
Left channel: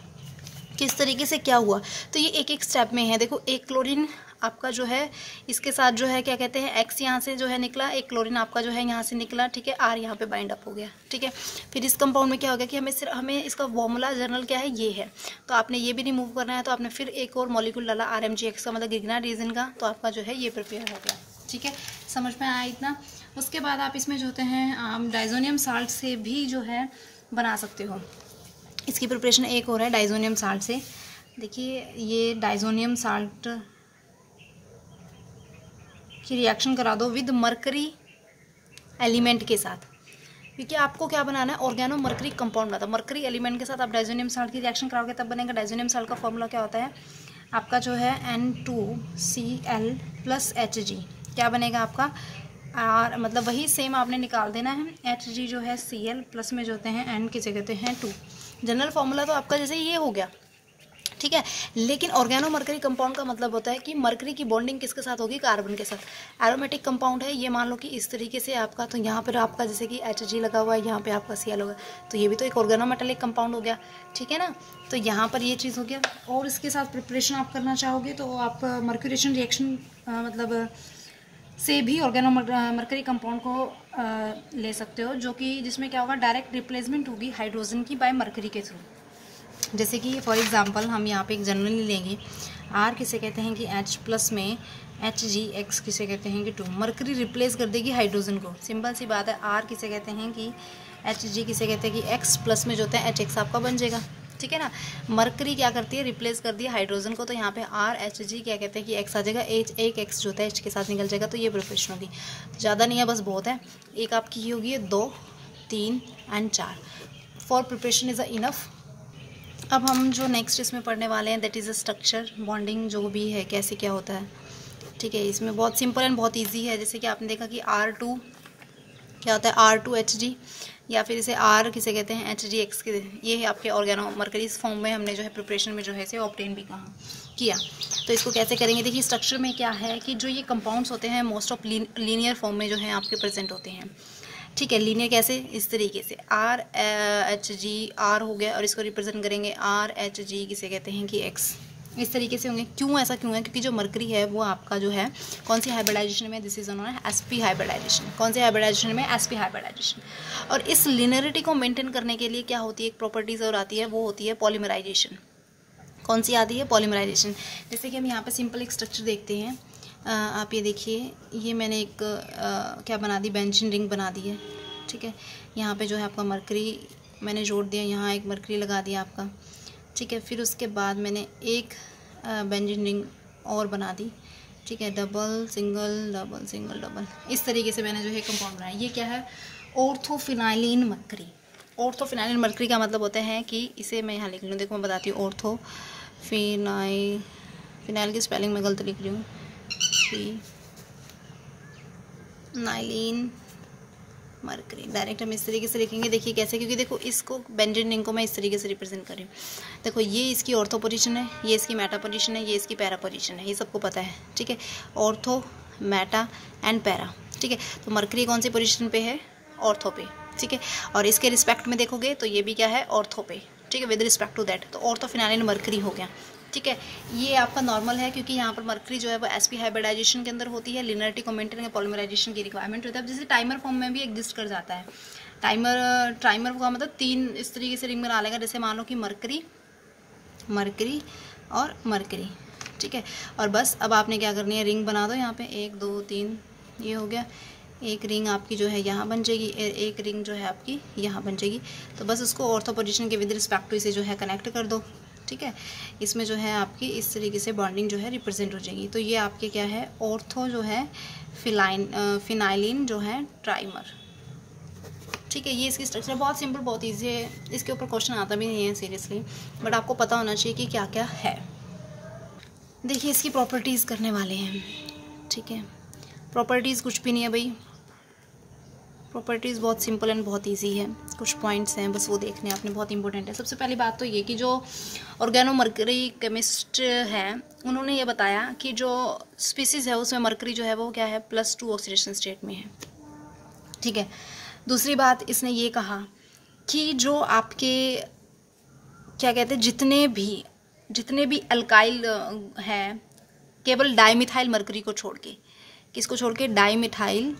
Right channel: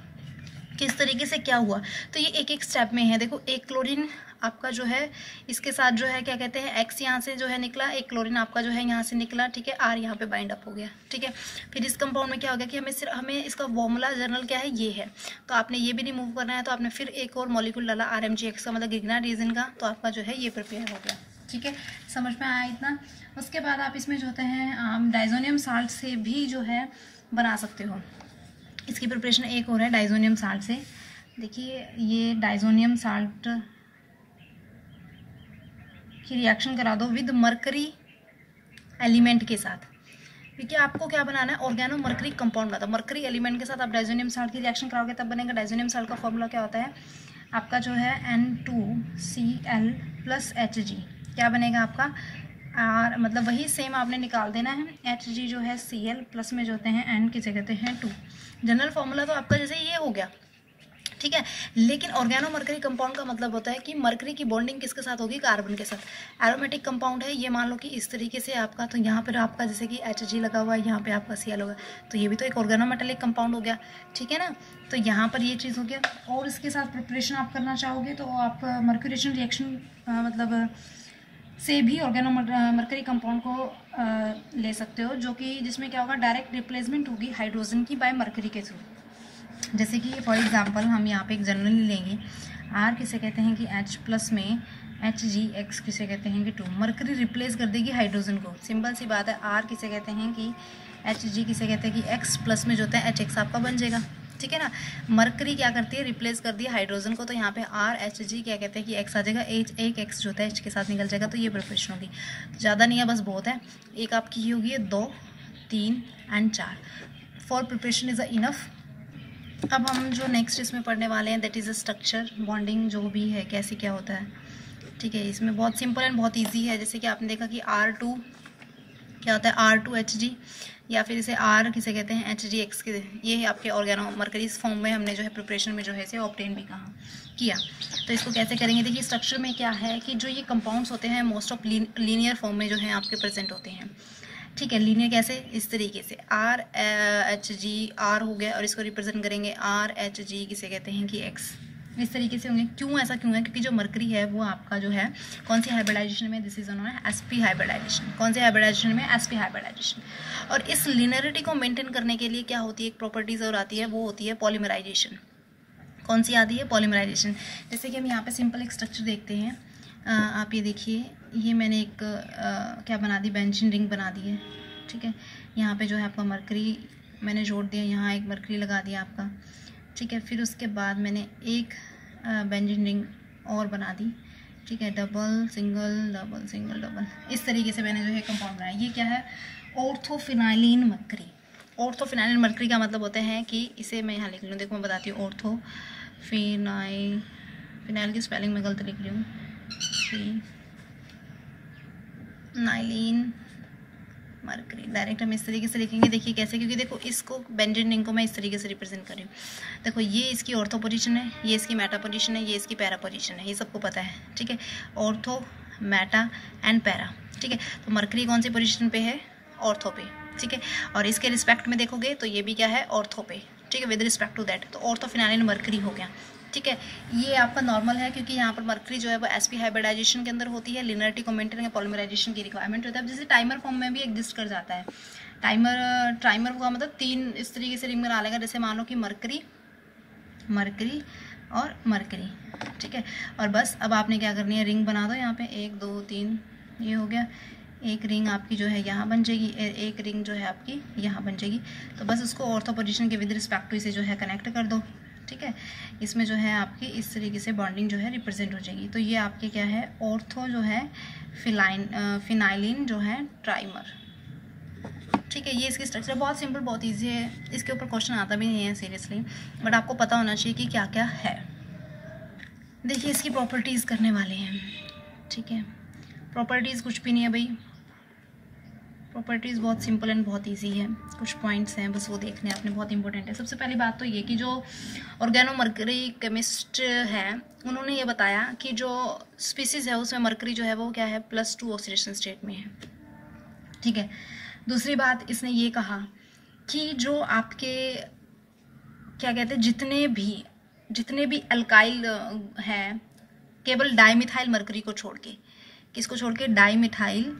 किस तरीके से क्या हुआ, तो ये एक एक स्टेप में है। देखो एक क्लोरीन आपका जो है इसके साथ जो है क्या कहते हैं X यहाँ से जो है निकला, एक क्लोरीन आपका जो है यहाँ से निकला। ठीक है, R यहाँ पे बाइंड अप हो गया। ठीक है, फिर इस कंपाउंड में क्या हो गया कि हमें इसका फॉर्मूला जर्नल क्या है, ये है, तो आपने ये भी रिमूव करना है, तो आपने फिर एक और मॉलिक्यूल डाला RMgX का, मतलब ग्रिग्नार्ड रीजन का, तो आपका जो है ये प्रिपेयर हो गया। ठीक है, समझ में आया इतना। उसके बाद आप इसमें जो होते हैं डाइजोनियम साल्ट से भी जो है बना सकते हो। इसकी प्रिपरेशन एक और है डाइजोनियम साल्ट से। देखिए ये डाइजोनियम साल्ट की रिएक्शन करा दो विद मरकरी एलिमेंट के साथ, क्योंकि आपको क्या बनाना है ऑर्गेनो मरकरी कंपाउंड बनाता है। मरकरी एलिमेंट के साथ आप डाइजोनियम साल्ट की रिएक्शन कराओगे तब बनेगा। डाइजोनियम साल्ट का फॉर्मूला क्या होता है आपका जो है N2Cl प्लस Hg, क्या बनेगा आपका R, मतलब वही सेम आपने निकाल देना है। Hg जो है Cl प्लस में जो होते हैं N किसे कहते हैं 2। जनरल फॉर्मूला तो आपका जैसे ये हो गया। ठीक है, लेकिन ऑर्गेनो मरकरी कंपाउंड का मतलब होता है कि मरकरी की बॉन्डिंग किसके साथ होगी, कार्बन के साथ। एरोमेटिक कंपाउंड है ये, मान लो कि इस तरीके से आपका, तो यहाँ पर आपका जैसे कि Hg लगा हुआ है, यहाँ पे आपका Cl होगा, तो ये भी तो एक ऑर्गेनो मेटालिक कंपाउंड हो गया। ठीक है ना, तो यहाँ पर ये चीज़ हो गया। और इसके साथ प्रिपरेशन आप करना चाहोगे तो आप मर्क्यूरेशन रिएक्शन मतलब से भी ऑर्गेनो मरकरी कंपाउंड को ले सकते हो, जो कि जिसमें क्या होगा डायरेक्ट रिप्लेसमेंट होगी हाइड्रोजन की बाय मरकरी के थ्रू। जैसे कि फॉर एग्जांपल हम यहाँ पे एक जनरली लेंगे, R किसे कहते हैं कि H प्लस में HgX किसे कहते हैं कि 2। मरकरी रिप्लेस कर देगी हाइड्रोजन को, सिंपल सी बात है। R किसे कहते हैं कि Hg किसे कहते हैं कि X प्लस में जो होता है HX आपका बन जाएगा। ठीक है ना, मरकरी क्या करती है रिप्लेस कर दिया हाइड्रोजन को, तो यहाँ पे RHg क्या कहते हैं कि X आ जाएगा, एक X जो होता है H के साथ निकल जाएगा, तो ये प्रिपरेशन होगी। ज़्यादा नहीं है, बस बहुत है। एक आपकी ही होगी 2, 3 and 4। For preparation is a enough. अब हम जो नेक्स्ट इसमें पढ़ने वाले हैं that is a structure bonding, जो भी है कैसे क्या होता है। ठीक है, इसमें बहुत सिंपल एंड बहुत ईजी है। जैसे कि आपने देखा कि R2 क्या होता है R2Hg, या फिर इसे R किसे कहते हैं HgX के, ये है आपके ऑर्गेनो मरकरी फॉर्म में हमने जो है प्रिपरेशन में जो है इसे ऑब्टेन भी किया। तो इसको कैसे करेंगे, देखिए स्ट्रक्चर में क्या है कि जो ये कंपाउंड्स होते हैं मोस्ट ऑफ लीनियर फॉर्म में जो है आपके प्रेजेंट होते हैं। ठीक है, लीनियर कैसे, इस तरीके से RHG, R हो गया और इसको रिप्रेजेंट करेंगे RHG, किसे कहते हैं कि X, इस तरीके से होंगे। क्यों ऐसा क्यों है, क्योंकि जो मरकरी है वो आपका जो है कौन सी हाइब्रिडाइजेशन में, this is on sp hybridization. कौन से हाइब्रिडाइजेशन में, sp हाइब्रिडाइजेशन। और इस लिनियरिटी को मेंटेन करने के लिए क्या होती है, एक प्रॉपर्टीज और आती है, वो होती है पॉलीमराइजेशन। कौन सी आती है, पॉलीमराइजेशन। जैसे कि हम यहाँ पे सिंपल एक स्ट्रक्चर देखते हैं, आप ये देखिए, ये मैंने एक क्या बना दी, बेंजीन रिंग बना दी है। ठीक है, यहाँ पे जो है आपका मरकरी मैंने जोड़ दिया, यहाँ एक मरकरी लगा दिया आपका। ठीक है, फिर उसके बाद मैंने एक बेंजीन रिंग और बना दी। ठीक है, double single double single double, इस तरीके से मैंने जो है कंपाउंड बनाया। ये क्या है, ऑर्थोफिनाइलिन मरकरी। ऑर्थोफिनाइलिन मरकरी का मतलब होता है कि इसे मैं यहाँ लिख लूँ, देखो मैं बताती हूँ। फिनाइल की स्पेलिंग में गलत लिख रही हूँ, फिनाइलिन मरकरी। डायरेक्ट हम इस तरीके से लिखेंगे, देखिए कैसे, क्योंकि देखो इसको बेंजीन रिंग को मैं इस तरीके से रिप्रेजेंट कर रही हूँ। देखो ये इसकी ऑर्थो पोजीशन है, ये इसकी मेटा पोजीशन है, ये इसकी पैरा पोजीशन है, ये सबको पता है। ठीक है, ऑर्थो, मेटा एंड पैरा। ठीक है, तो मरकरी कौन सी पोजीशन पे है, ऑर्थो पे। ठीक है, और इसके रिस्पेक्ट में देखोगे तो ये भी क्या है, ऑर्थो पे। ठीक है, विद रिस्पेक्ट टू दैट, तो ऑर्थोफिनाइलिन मरकरी हो गया। ठीक है, ये आपका नॉर्मल है, क्योंकि यहाँ पर मरकरी जो है वो sp हाइब्रिडाइजेशन के अंदर होती है, लिनियरिटी को मेंटेन करके पॉलीमराइजेशन की रिक्वायरमेंट होता है। जैसे टाइमर फॉर्म में भी एग्जिस्ट कर जाता है। टाइमर का मतलब 3 इस तरीके से रिंग बना लेगा, जैसे मान लो कि मरकरी और मरकरी। ठीक है, और बस अब आपने क्या करनी है, रिंग बना दो यहाँ पे, 1 2 3, ये हो गया। एक रिंग आपकी जो है यहाँ बन जाएगी, एक रिंग जो है आपकी यहाँ बन जाएगी। तो बस उसको ऑर्थो पोजीशन के विद रिस्पेक्ट टू इसे जो है कनेक्ट कर दो। ठीक है, इसमें जो है आपकी इस तरीके से बॉन्डिंग जो है रिप्रेजेंट हो जाएगी। तो ये आपके क्या है, ऑर्थो जो है फिनाइलिन जो है ट्राइमर। ठीक है, ये इसकी स्ट्रक्चर बहुत सिंपल, बहुत ईजी है, इसके ऊपर क्वेश्चन आता भी नहीं है सीरियसली, बट आपको पता होना चाहिए कि क्या क्या है। देखिए इसकी प्रॉपर्टीज़ करने वाले हैं। ठीक है, प्रॉपर्टीज़ कुछ भी नहीं है भाई, प्रॉपर्टीज़ बहुत सिंपल एंड बहुत इजी है। कुछ पॉइंट्स हैं बस वो देखने आपने, बहुत इंपॉर्टेंट है। सबसे पहली बात तो ये कि जो ऑर्गेनोमर्करी केमिस्ट हैं उन्होंने ये बताया कि जो स्पीसीज है उसमें मरकरी जो है वो क्या है, +2 ऑक्सीडेशन स्टेट में है। ठीक है, दूसरी बात इसने ये कहा कि जो आपके क्या कहते हैं, जितने भी अल्काइल हैं, केवल डाइमिथाइल मरकरी को छोड़ के, किसको छोड़ के, डाइमिथाइल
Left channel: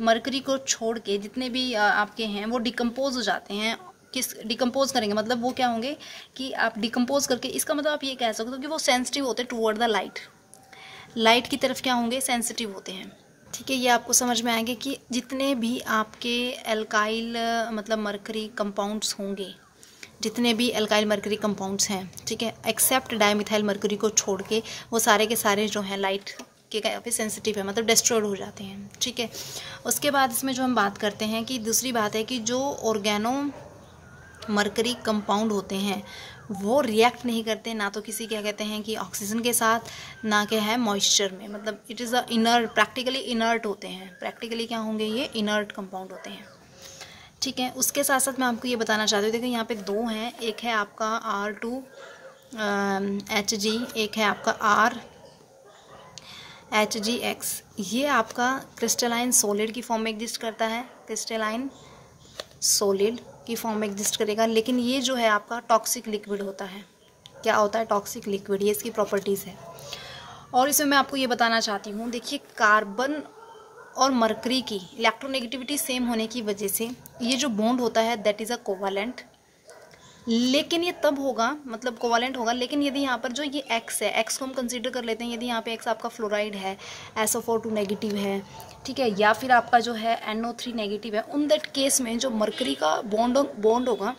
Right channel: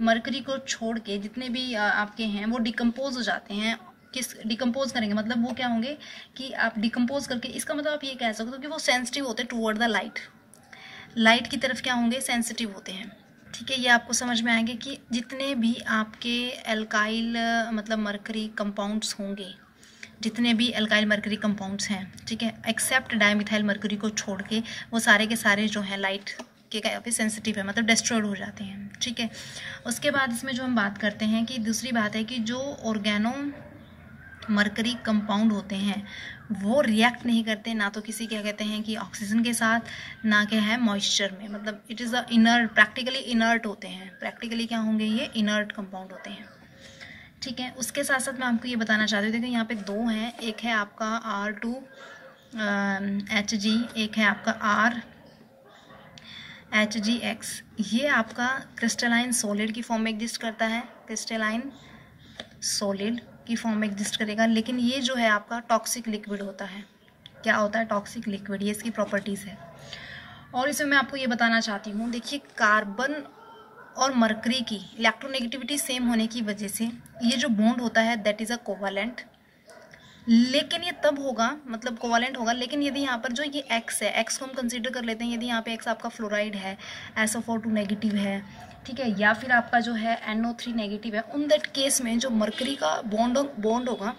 मरकरी को छोड़ के जितने भी आपके हैं वो डिकम्पोज हो जाते हैं। किस डिकम्पोज करेंगे, मतलब वो क्या होंगे कि आप डिकम्पोज करके, इसका मतलब आप ये कह सकते हो कि वो सेंसिटिव होते हैं टुवर्ड द लाइट की तरफ क्या होंगे, सेंसिटिव होते हैं। ठीक है, ये आपको समझ में आएंगे कि जितने भी आपके एल्काइल मतलब मरकरी कंपाउंड्स होंगे, जितने भी एल्काइल मरकरी कंपाउंड्स हैं, ठीक है, एक्सेप्ट डाइमिथाइल मरकरी को छोड़ के, वो सारे के सारे जो हैं लाइट के काफ़ी सेंसिटिव है, मतलब डिस्ट्रॉयड हो जाते हैं। ठीक है, उसके बाद इसमें जो हम बात करते हैं कि दूसरी बात है कि जो ऑर्गेनो मरकरी कंपाउंड होते हैं वो रिएक्ट नहीं करते, ना तो किसी क्या कहते हैं कि ऑक्सीजन के साथ, ना क्या है मॉइस्चर में, मतलब it is a inert, practically inert होते हैं। प्रैक्टिकली क्या होंगे, ये इनर्ट कंपाउंड होते हैं। ठीक है, उसके साथ साथ मैं आपको ये बताना चाहती हूँ, देखिए यहाँ पे 2 हैं, एक है आपका R2HG, एक है आपका RHGX। ये आपका क्रिस्टलाइन सॉलिड की फॉर्म में एग्जिस्ट करता है, क्रिस्टलाइन सॉलिड की फॉर्म में एग्जिस्ट करेगा, लेकिन ये जो है आपका टॉक्सिक लिक्विड होता है। क्या होता है, टॉक्सिक लिक्विड, ये इसकी प्रॉपर्टीज़ है। और इसमें मैं आपको ये बताना चाहती हूँ, देखिए कार्बन और मरकरी की इलेक्ट्रोनेगेटिविटी सेम होने की वजह से ये जो बॉन्ड होता है दैट इज़ अ कोवैलेंट, लेकिन ये तब होगा, मतलब कोवैलेंट होगा, लेकिन यदि यहाँ पर जो ये X है, X को हम कंसीडर कर लेते हैं, यदि यहाँ पे X आपका फ्लोराइड है, SO4 नेगेटिव है, ठीक है, या फिर आपका जो है NO3 नेगेटिव है, उन दैट केस में जो मरकरी का बॉन्ड होगा,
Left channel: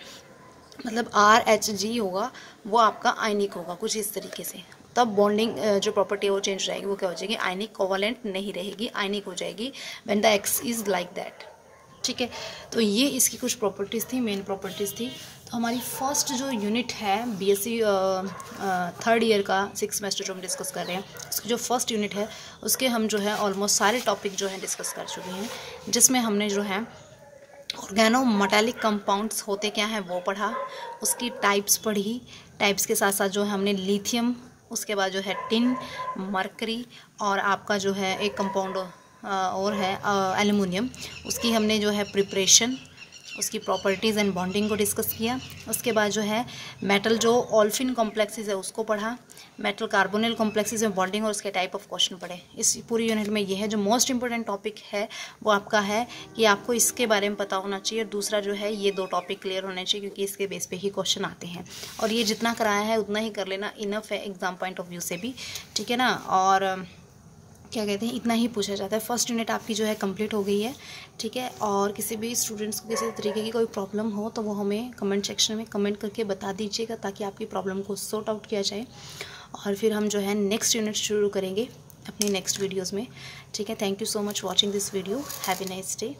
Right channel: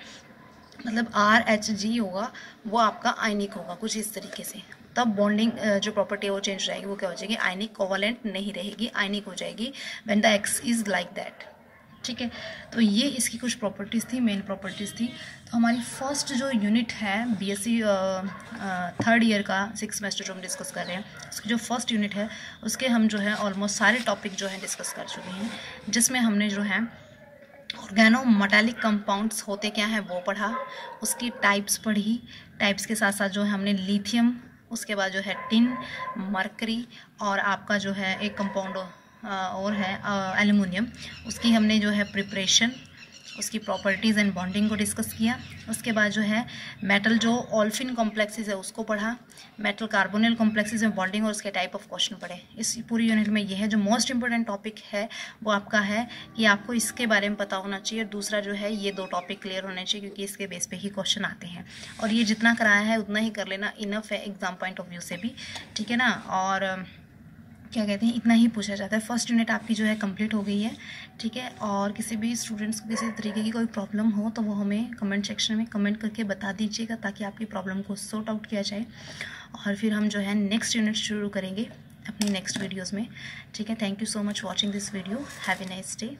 मतलब RHG होगा, वो आपका आयनिक होगा कुछ इस तरीके से। तब बॉन्डिंग जो प्रॉपर्टी है वो चेंज हो जाएगी, वो क्या हो जाएगी, आयनिक, कोवैलेंट नहीं रहेगी, आयनिक हो जाएगी when the X is like that. ठीक है, तो ये इसकी कुछ प्रॉपर्टीज़ थी, मेन प्रॉपर्टीज़ थी। तो हमारी फर्स्ट जो यूनिट है BSc 3rd ईयर का 6th सेमेस्टर जो हम डिस्कस कर रहे हैं, उसकी जो फर्स्ट यूनिट है उसके हम जो है ऑलमोस्ट सारे टॉपिक जो हैं डिस्कस कर चुके हैं, जिसमें हमने जो है ऑर्गेनो मेटालिक कंपाउंड्स होते क्या हैं वो पढ़ा, उसकी टाइप्स पढ़ी, टाइप्स के साथ साथ जो है हमने लिथियम, उसके बाद जो है टिन, मरकरी और आपका जो है एक कंपाउंड और है एल्युमिनियम, उसकी हमने जो है प्रिपरेशन, उसकी प्रॉपर्टीज़ एंड बॉन्डिंग को डिस्कस किया। उसके बाद जो है मेटल जो ओल्फिन कॉम्प्लेक्सेस है उसको पढ़ा, मेटल कार्बोनिल कॉम्प्लेक्सेस में बॉन्डिंग और उसके टाइप ऑफ क्वेश्चन पढ़े। इस पूरी यूनिट में ये है जो मोस्ट इंपॉर्टेंट टॉपिक है वो आपका है कि आपको इसके बारे में पता होना चाहिए। दूसरा जो है ये 2 टॉपिक क्लियर होने चाहिए क्योंकि इसके बेस पे ही क्वेश्चन आते हैं, और ये जितना कराया है उतना ही कर लेना, इनफ है एग्जाम पॉइंट ऑफ व्यू से भी, ठीक है ना। और क्या कहते हैं, इतना ही पूछा जाता है। फर्स्ट यूनिट आपकी जो है कंप्लीट हो गई है, ठीक है। और किसी भी स्टूडेंट्स को किसी तरीके की कोई प्रॉब्लम हो तो वो हमें कमेंट सेक्शन में कमेंट करके बता दीजिएगा ताकि आपकी प्रॉब्लम को सॉर्ट आउट किया जाए, और फिर हम जो है नेक्स्ट यूनिट शुरू करेंगे अपनी नेक्स्ट वीडियोज़ में, ठीक है। Thank you so much watching this video. Have a nice day.